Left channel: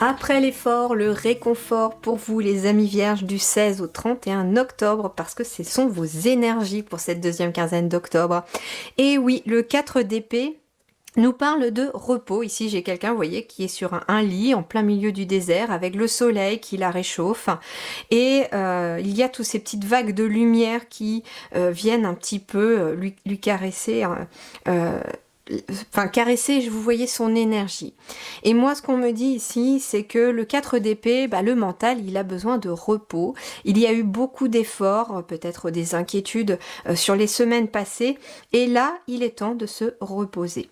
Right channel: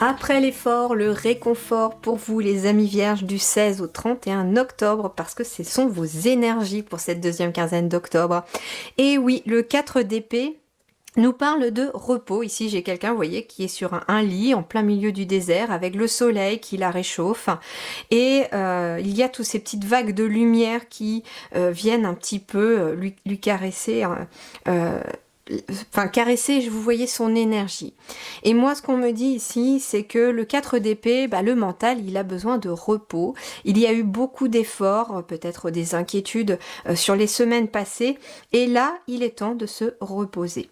Après l'effort, le réconfort pour vous les amis vierges du 16 au 31 octobre parce que ce sont vos énergies pour cette deuxième quinzaine d'octobre. Et oui, le 4 d'épée nous parle de repos. Ici, j'ai quelqu'un, vous voyez, qui est sur un lit en plein milieu du désert avec le soleil qui la réchauffe. Et il y a toutes ces petites vagues de lumière qui viennent un petit peu lui caresser. Caresser, vous voyez son énergie. Et moi, ce qu'on me dit ici, c'est que le 4 d'épée, le mental, il a besoin de repos. Il y a eu beaucoup d'efforts, peut-être des inquiétudes sur les semaines passées. Et là, il est temps de se reposer.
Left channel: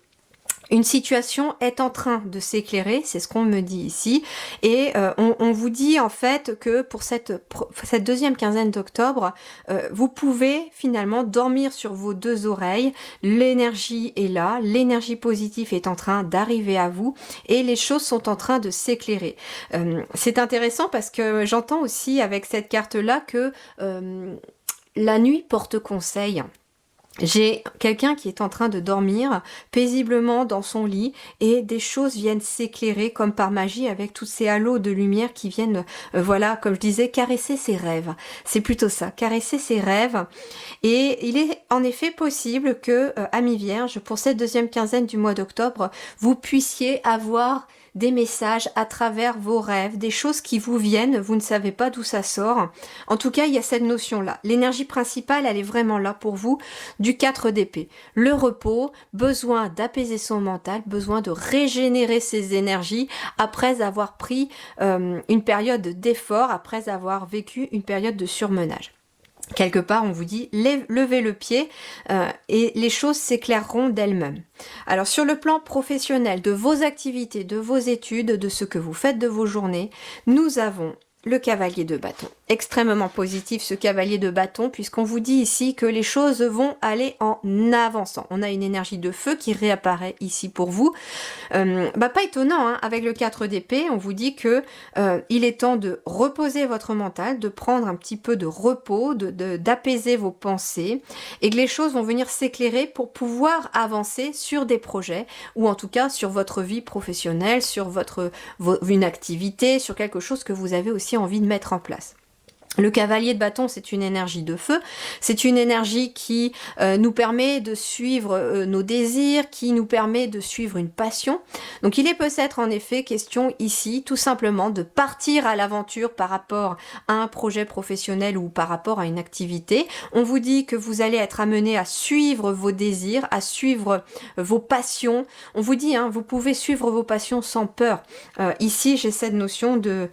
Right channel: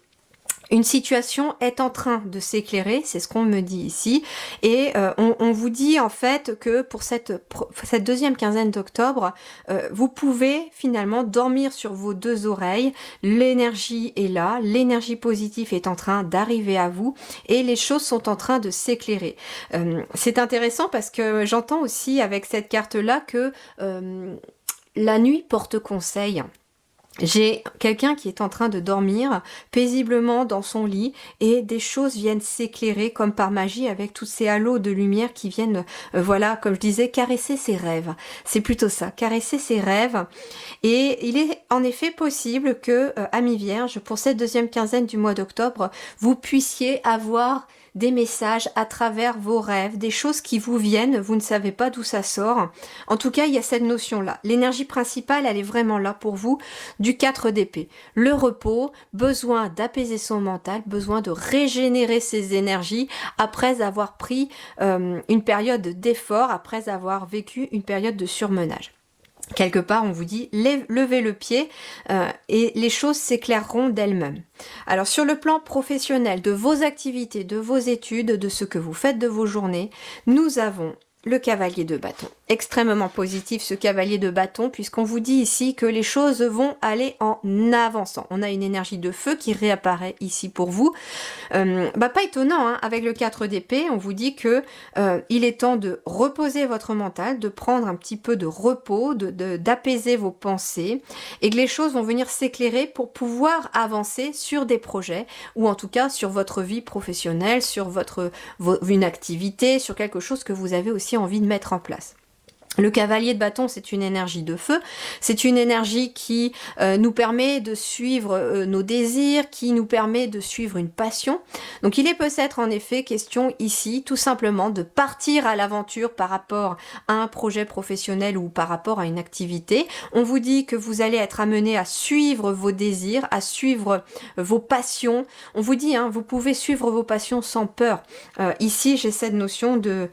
Une situation est en train de s'éclairer, c'est ce qu'on me dit ici, et on vous dit en fait que pour cette deuxième quinzaine d'octobre, vous pouvez finalement dormir sur vos deux oreilles, l'énergie est là, l'énergie positive est en train d'arriver à vous, et les choses sont en train de s'éclairer. C'est intéressant parce que j'entends aussi avec cette carte-là que la nuit porte conseil. J'ai quelqu'un qui est en train de dormir paisiblement dans son lit et des choses viennent s'éclairer comme par magie avec tous ces halos de lumière qui viennent, comme je disais, caresser ses rêves. C'est plutôt ça, caresser ses rêves. Et il est en effet possible que, amis vierges, pour cette deuxième quinzaine du mois d'octobre, vous puissiez avoir des messages à travers vos rêves, des choses qui vous viennent, vous ne savez pas d'où ça sort. En tout cas, il y a cette notion-là. L'énergie principale, elle est vraiment là pour vous, du 4 d'épée. Le repos, besoin d'apaiser son mental, besoin de régénérer ses énergies après avoir pris une période d'effort, après avoir vécu une période de surmenage. Quelque part, on vous dit, levez le pied et les choses s'éclaireront d'elles-mêmes. Alors, sur le plan professionnel, de vos activités, de vos études, de ce que vous faites de vos journées, nous avons le cavalier de bâton. Extrêmement positif ce cavalier de bâton puisqu'on vous dit ici que les choses vont aller en avançant. On a une énergie de feu qui réapparaît ici pour vous. Pas étonnant, hein, avec le 4 d'épée, on vous dit que il est temps de reposer votre mental, de prendre un petit peu de repos, d'apaiser vos pensées et que les choses vont venir s'éclairer pour pouvoir avancer sur des projets ou en tout cas sur votre vie professionnelle, sur une activité, sur quelque chose que vous avez aussi envie de mettre en place. Le cavalier de bâton, c'est une énergie de feu, c'est une énergie qui nous permet de suivre nos désirs, qui nous permet de suivre une passion. Donc il est peut-être en effet question ici tout simplement de partir à l'aventure par rapport à un projet professionnel ou par rapport à une activité. On vous dit que vous allez être amené à suivre vos désirs, à suivre vos passions. On vous dit, vous pouvez suivre vos passions sans peur. Ici, j'ai cette notion de...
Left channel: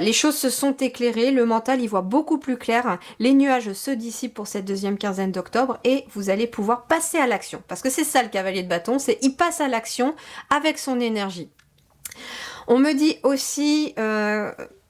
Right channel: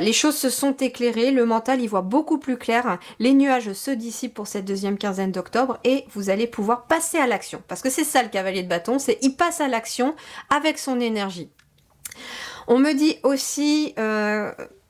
les choses se sont éclairées, le mental y voit beaucoup plus clair, les nuages se dissipent pour cette deuxième quinzaine d'octobre et vous allez pouvoir passer à l'action. Parce que c'est ça le cavalier de bâton, c'est il passe à l'action avec son énergie. On me dit aussi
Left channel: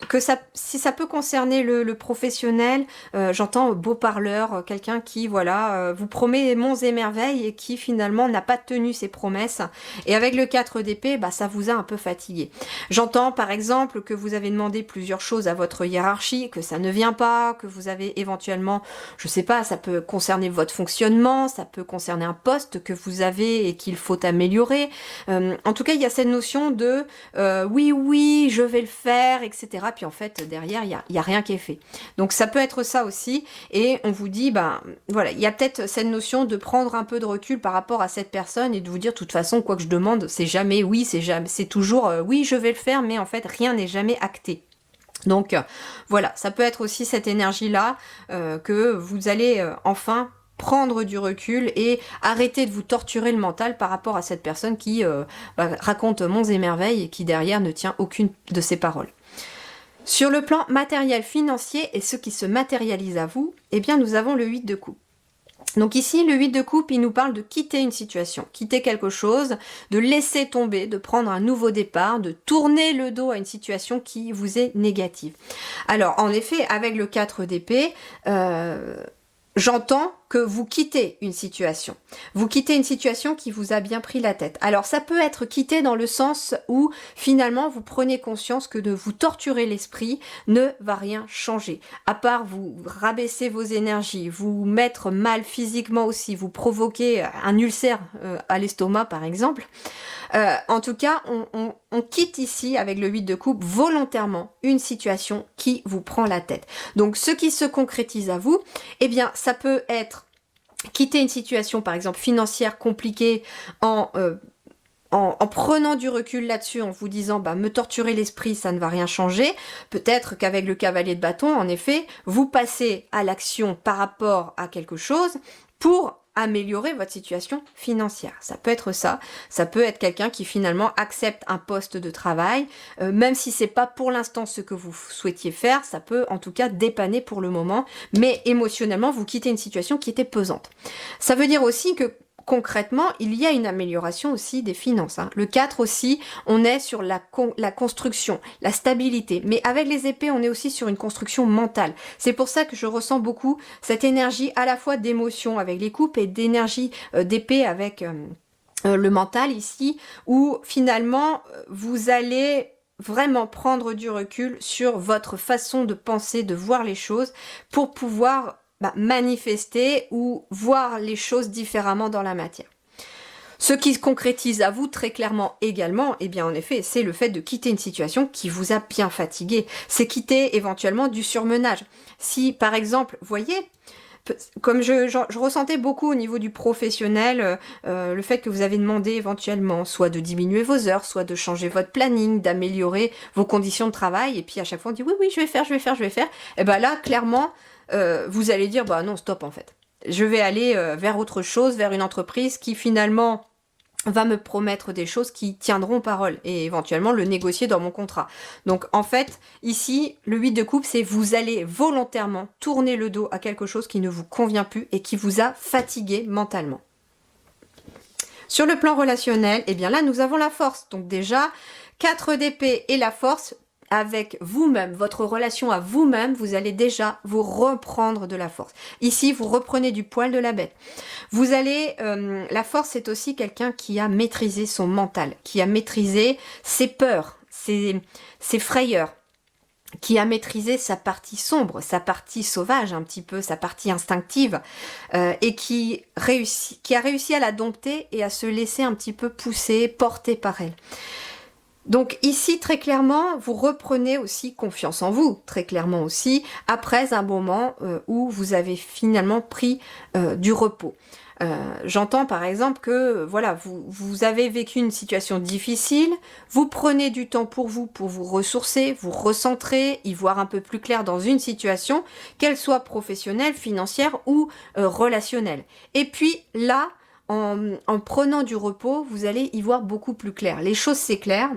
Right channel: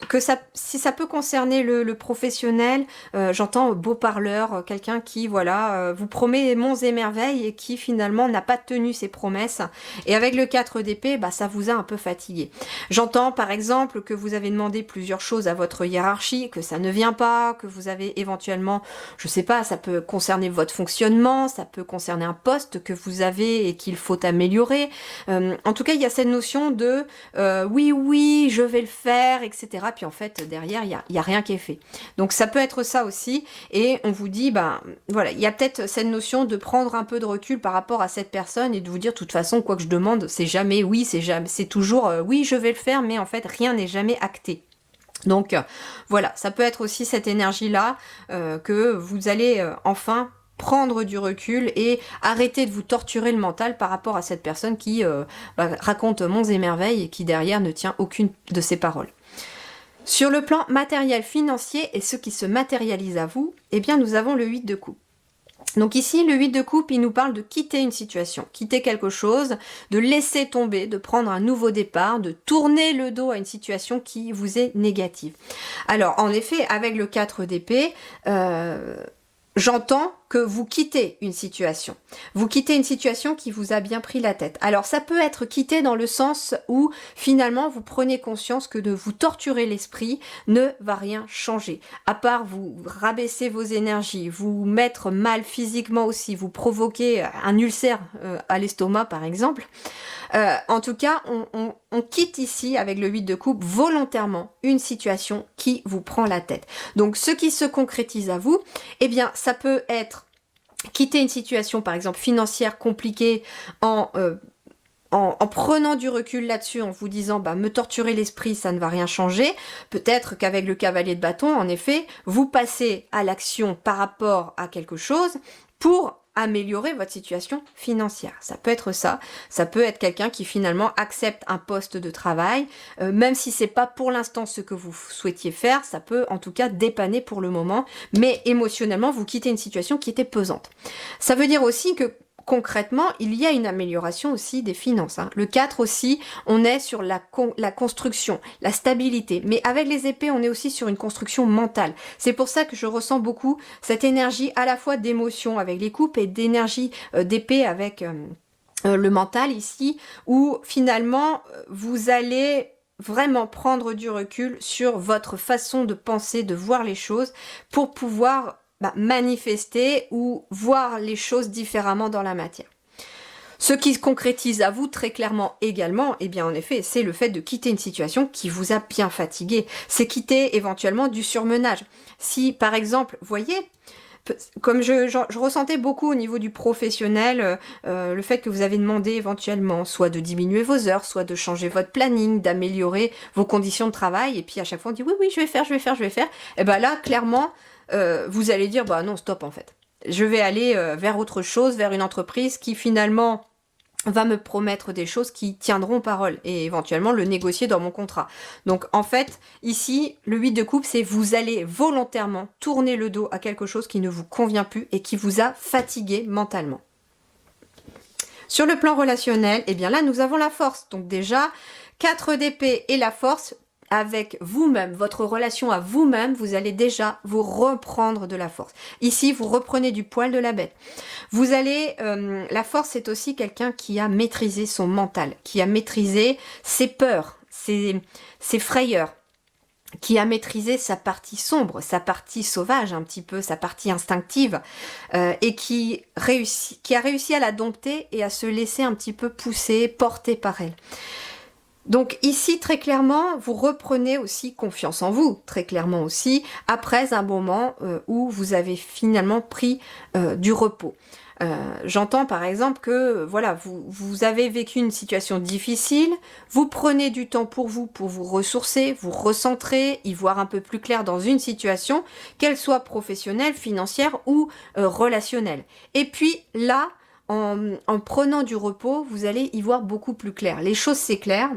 que si ça peut concerner le professionnel, j'entends beau parleur, quelqu'un qui vous promet monts et merveilles et qui finalement n'a pas tenu ses promesses. Et avec le 4 d'épée, ça vous a un peu fatigué. J'entends par exemple que vous avez demandé plusieurs choses à votre hiérarchie, que ça ne vient pas, que vous avez éventuellement, je sais pas, ça peut concerner votre fonctionnement, ça peut concerner un poste que vous avez et qu'il faut améliorer. En tout cas, il y a cette notion de oui, je vais le faire, etc. Puis en fait, derrière, il y a rien qui est fait. Donc ça peut être ça aussi. Et on vous dit, il y a peut-être cette notion de prendre un peu de recul par rapport à cette personne et de vous dire, de toute façon, quoi que je demande, c'est jamais oui, c'est toujours oui, je vais le faire, mais en fait, rien n'est jamais acté. Donc ça peut être aussi cette énergie-là que vous allez enfin prendre du recul et arrêter de vous torturer le mental par rapport à cette personne qui raconte monts et merveilles et qui derrière ne tient aucune de ses paroles. Sur le plan matériel, financier et ce qui se matérialise à vous, nous avons le 8 de coupe. Donc ici, le 8 de coupe, il nous parle de quitter une situation, quitter quelque chose, de laisser tomber, de prendre un nouveau départ, de tourner le dos à une situation qui vous est négative. Alors, en effet, avec le 4 d'épée, j'entends que vous quittez une situation. Vous quittez une situation qui vous a bien pris la tête. Alors ça peut être quitté dans le sens où finalement vous prenez conscience que de vous torturer l'esprit ne va rien changer. À part vous rabaisser vos énergies, vous mettre mal physiquement aussi, vous provoquer un ulcère à l'estomac par exemple. En tout cas, on quitte ici avec le 8 de coupe volontairement une situation qui vous prend la tête. Donc ce qui se concrétise à vous, eh bien ça peut être quitter une situation par exemple financière compliquée en prenant du recul là-dessus, en vous disant bah me torturer l'esprit, ça ne va rien changer. Peut-être qu'avec le cavalier de bâton, en effet, vous passez à l'action par rapport à quelque chose pour améliorer votre situation financière. Ça peut être ça. Ça peut être quelqu'un qui finalement accepte un poste de travail, même si c'est pas pour l'instant ce que vous souhaitiez faire, ça peut en tout cas dépanner pour le moment, mais émotionnellement vous quittez une situation qui était pesante. Ça veut dire aussi que concrètement, il y a une amélioration aussi des finances. Le 4 aussi, on est sur la construction, la stabilité. Mais avec les épées, on est aussi sur une construction mentale. C'est pour ça que je ressens beaucoup cette énergie à la fois d'émotion avec les coupes et d'énergie d'épée avec le mental ici, où finalement, vous allez vraiment prendre du recul sur votre façon de penser, de voir les choses, pour pouvoir manifester ou voir les choses différemment dans la matière. Ce qui se concrétise à vous très clairement également, eh bien en effet, c'est le fait de quitter une situation qui vous a bien fatigué. C'est quitter éventuellement du surmenage. Si par exemple, voyez, comme je ressentais beaucoup au niveau du professionnel, le fait que vous avez demandé éventuellement soit de diminuer vos heures, soit de changer votre planning, d'améliorer vos conditions de travail, et puis à chaque fois on dit oui, je vais faire, et ben là, clairement, vous allez dire bah non, stop en fait. Je vais aller vers autre chose, vers une entreprise qui finalement va me promettre des choses qui tiendront parole et éventuellement le négocier dans mon contrat. Donc en fait, ici, le 8 de coupe, c'est vous allez volontairement tourner le dos à quelque chose qui ne vous convient plus et qui vous a fatigué mentalement. Sur le plan relationnel, eh bien là, nous avons la force. Donc déjà, 4 d'épée et la force, avec vous-même, votre relation à vous-même, vous allez déjà vous reprendre de la force. Ici, vous reprenez du poil de la bête. Vous allez, la force, c'est aussi quelqu'un qui a maîtrisé son mental, qui a maîtrisé ses peurs, ses frayeurs, qui a maîtrisé sa partie sombre, sa partie sauvage un petit peu, sa partie instinctive, et qui a réussi à la dompter et à se laisser un petit peu pousser, porter par elle. Donc ici, très clairement, vous reprenez aussi confiance en vous, très clairement aussi, après un moment où vous avez finalement pris du repos. J'entends par exemple que voilà, vous avez vécu une situation difficile, vous prenez du temps pour vous ressourcer, vous recentrer, y voir un peu plus clair dans une situation, qu'elle soit professionnelle, financière ou relationnelle. Et puis là, en prenant du repos, vous allez y voir beaucoup plus clair. Les choses s'éclairent.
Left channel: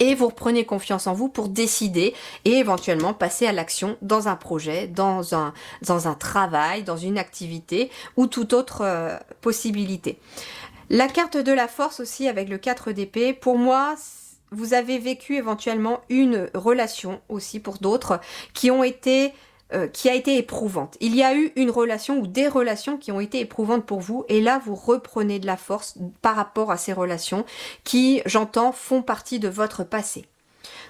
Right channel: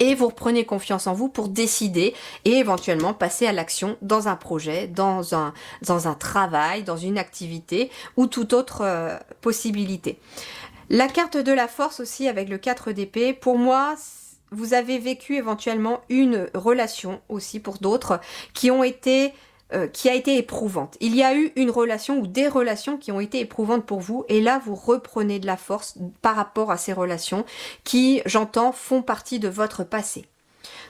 Et vous reprenez confiance en vous pour décider et éventuellement passer à l'action dans un projet, dans un travail, dans une activité ou toute autre possibilité. La carte de la force aussi avec le 4 d'épée, pour moi, vous avez vécu éventuellement une relation aussi pour d'autres qui a été éprouvante. Il y a eu une relation ou des relations qui ont été éprouvantes pour vous et là vous reprenez de la force par rapport à ces relations qui, j'entends, font partie de votre passé.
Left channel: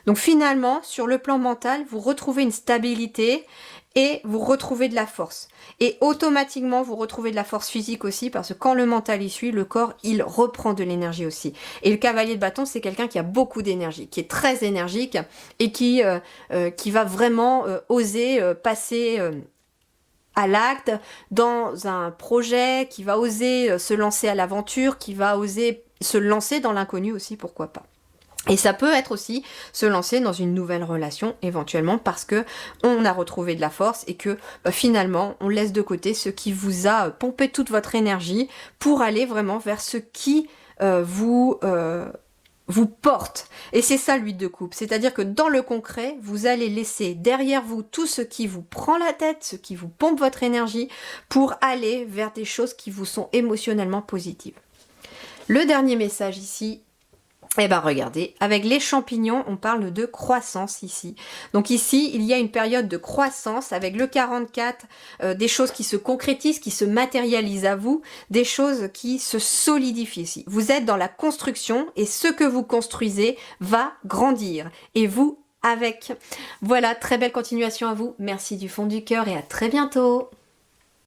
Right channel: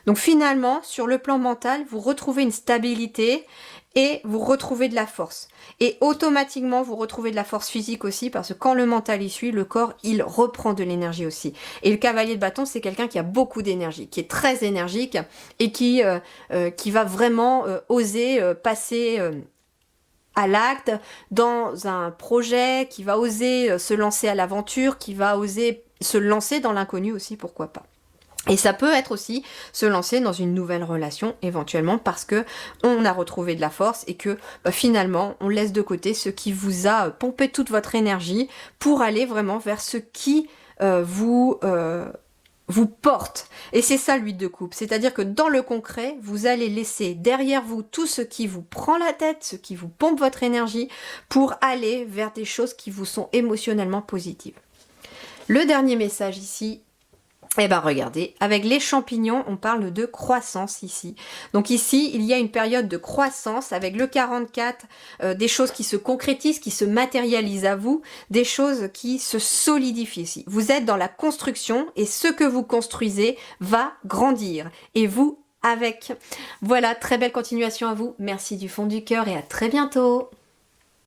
Donc finalement, sur le plan mental, vous retrouvez une stabilité et vous retrouvez de la force. Et automatiquement, vous retrouvez de la force physique aussi, parce que quand le mental y suit, le corps, il reprend de l'énergie aussi. Et le cavalier de bâton, c'est quelqu'un qui a beaucoup d'énergie, qui est très énergique et qui va vraiment oser passer à l'acte dans un projet, qui va oser se lancer à l'aventure, qui va oser se lancer dans l'inconnu aussi, pourquoi pas. Et ça peut être aussi se lancer dans une nouvelle relation éventuellement parce que on a retrouvé de la force et que finalement on laisse de côté ce qui vous a pompé toute votre énergie pour aller vraiment vers ce qui vous porte. Et c'est ça l'huile de coupe. C'est-à-dire que dans le concret, vous allez laisser derrière vous tout ce qui vous prend la tête, ce qui vous pompe votre énergie pour aller vers des choses qui vous sont émotionnellement positives. Le dernier message ici, eh ben regardez, avec les champignons, on parle de croissance ici. Donc ici, il y a une période de croissance avec le 44, des choses qui se concrétisent, qui se matérialisent à vous, des choses qui se solidifient ici. Vous êtes dans la construction et ce que vous construisez va grandir. Et vous avec. Voilà, très belle continuation à vous. Merci du fond du cœur et à très bientôt.